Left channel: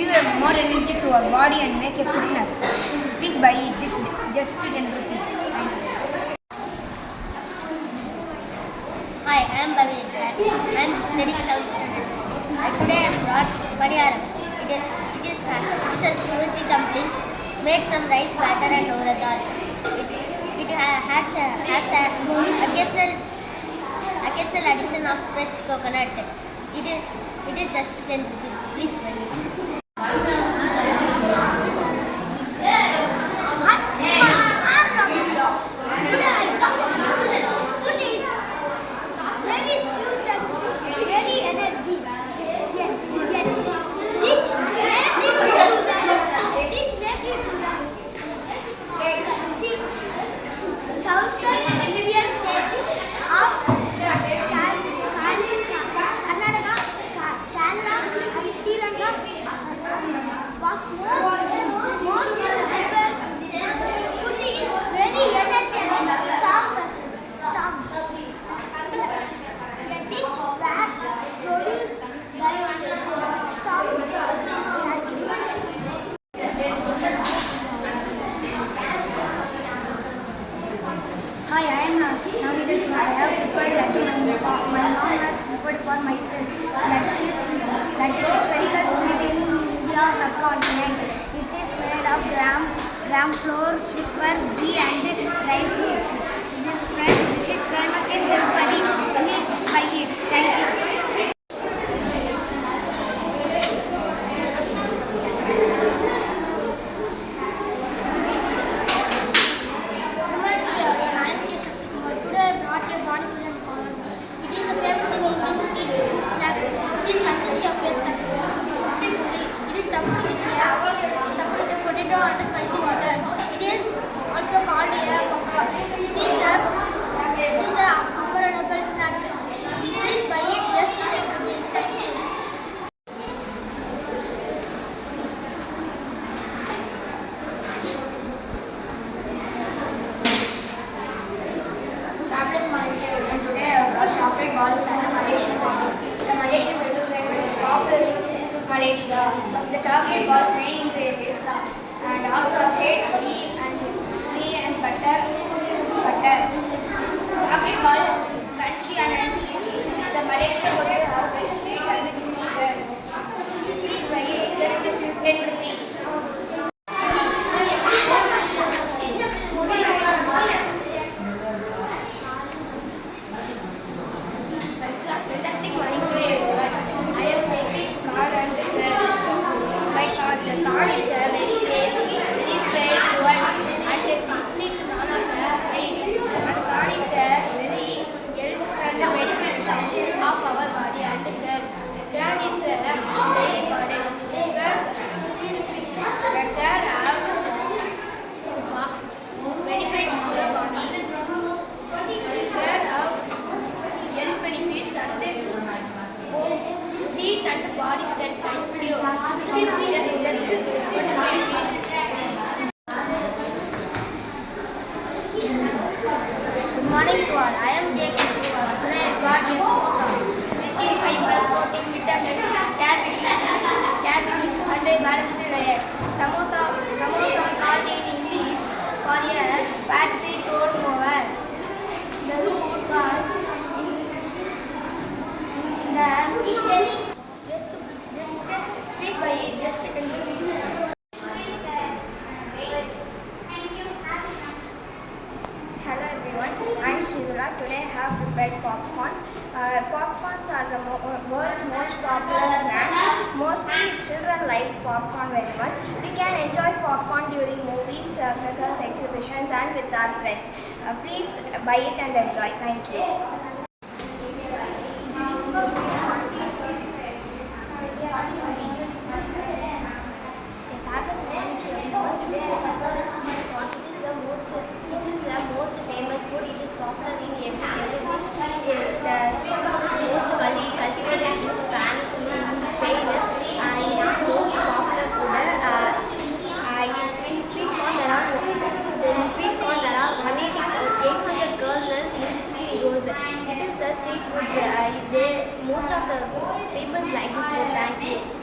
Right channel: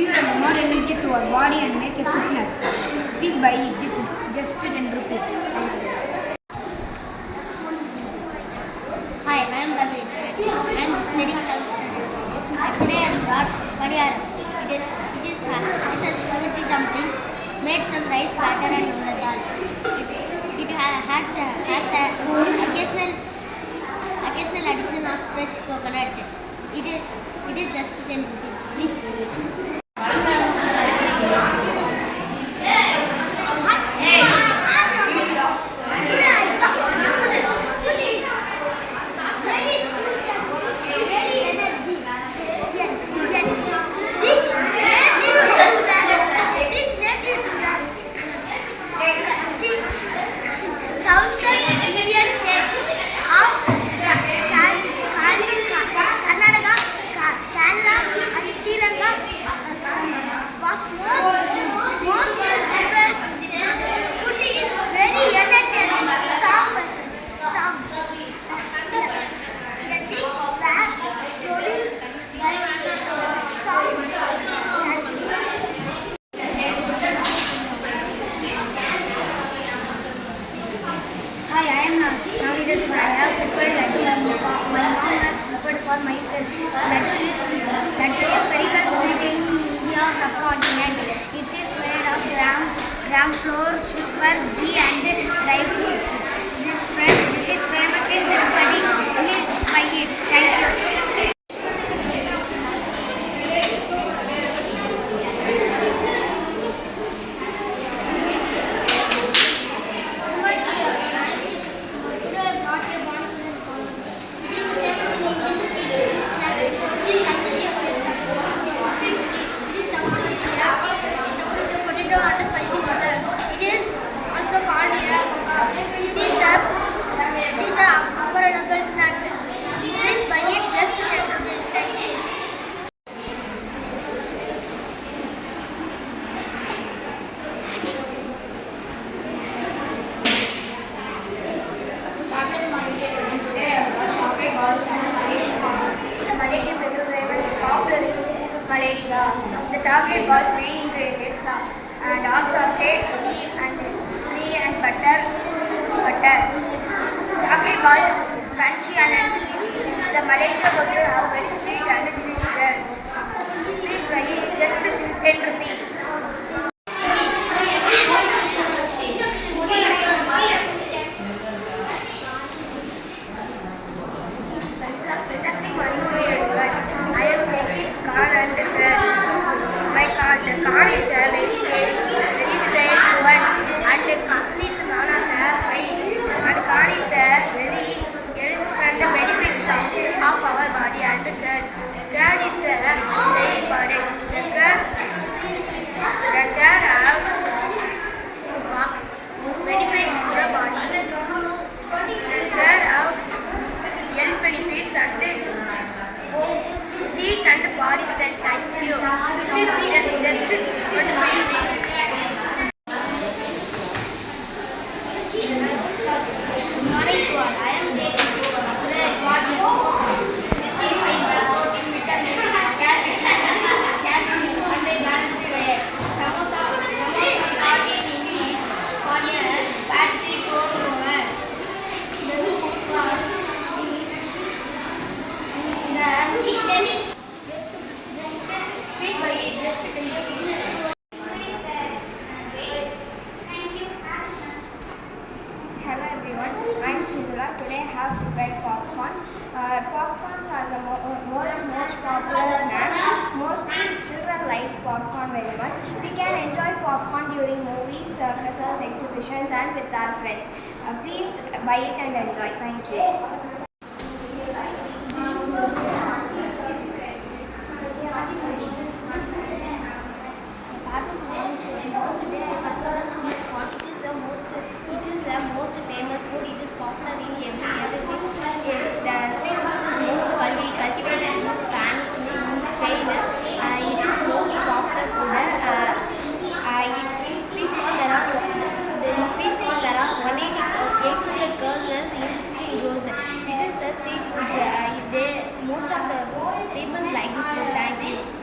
fuel more energy to our body and make a fitness. Please buy it. This is just 10 rupees. Hi, I am Bhavesh and I am studying South. Today I brought Paniyaram. It is spaghetti dumplings made from rice batter and urad dal. It has a occasional addition of fresh coconut. It is just 10 rupees. Please buy it. Hi, I am Navidas. I have prepared laddu. My mom has prepared for myself. Laddu is very well sweet in India subcontinent. It is made of gram flour, sugar, ghee and dry fruits. This is famous in Tirupati. Please buy it. Thank you. The Malaysian menu flavor is popular in Malaysia. The chocolate ball main ingredient is dark chocolate, ghee and butter. Chocolate ball is crunchy and the Malaysian would have very sweet and delicious. Please buy it just 10 rupees. Fantastic morning to everyone. I am making corn and my corn. The corn is a very straight one and the corn is known as a rice. And corn is a very help and benefits of our body and the curd. Curd is a very important. The curd have benefits to the body. The curd have health benefits and heat and body strength. Thank you. This is just 25 days. Good morning to all. I am Jacob. Today I got a this is fiber, protein, vitamin, caffeine, and a balanced diet. Samosa called in English for a fatty corn over. The root was Hello everyone, I am Sridhara. Today I have prepared popcorns. Popcorns are the world's most popular snacks. Mostly children like popcorn very much. We can enjoy popcorn during movies, circuses, exhibitions and with our friends. Please buy it and enjoy. Thank you. Most famous food. It is popular in every the street food is most cultivated in Spain. It is most popular food. In sweet corn there are 800 kernels in 16 rows. It is a street food. Most of the people like this food. Thank you.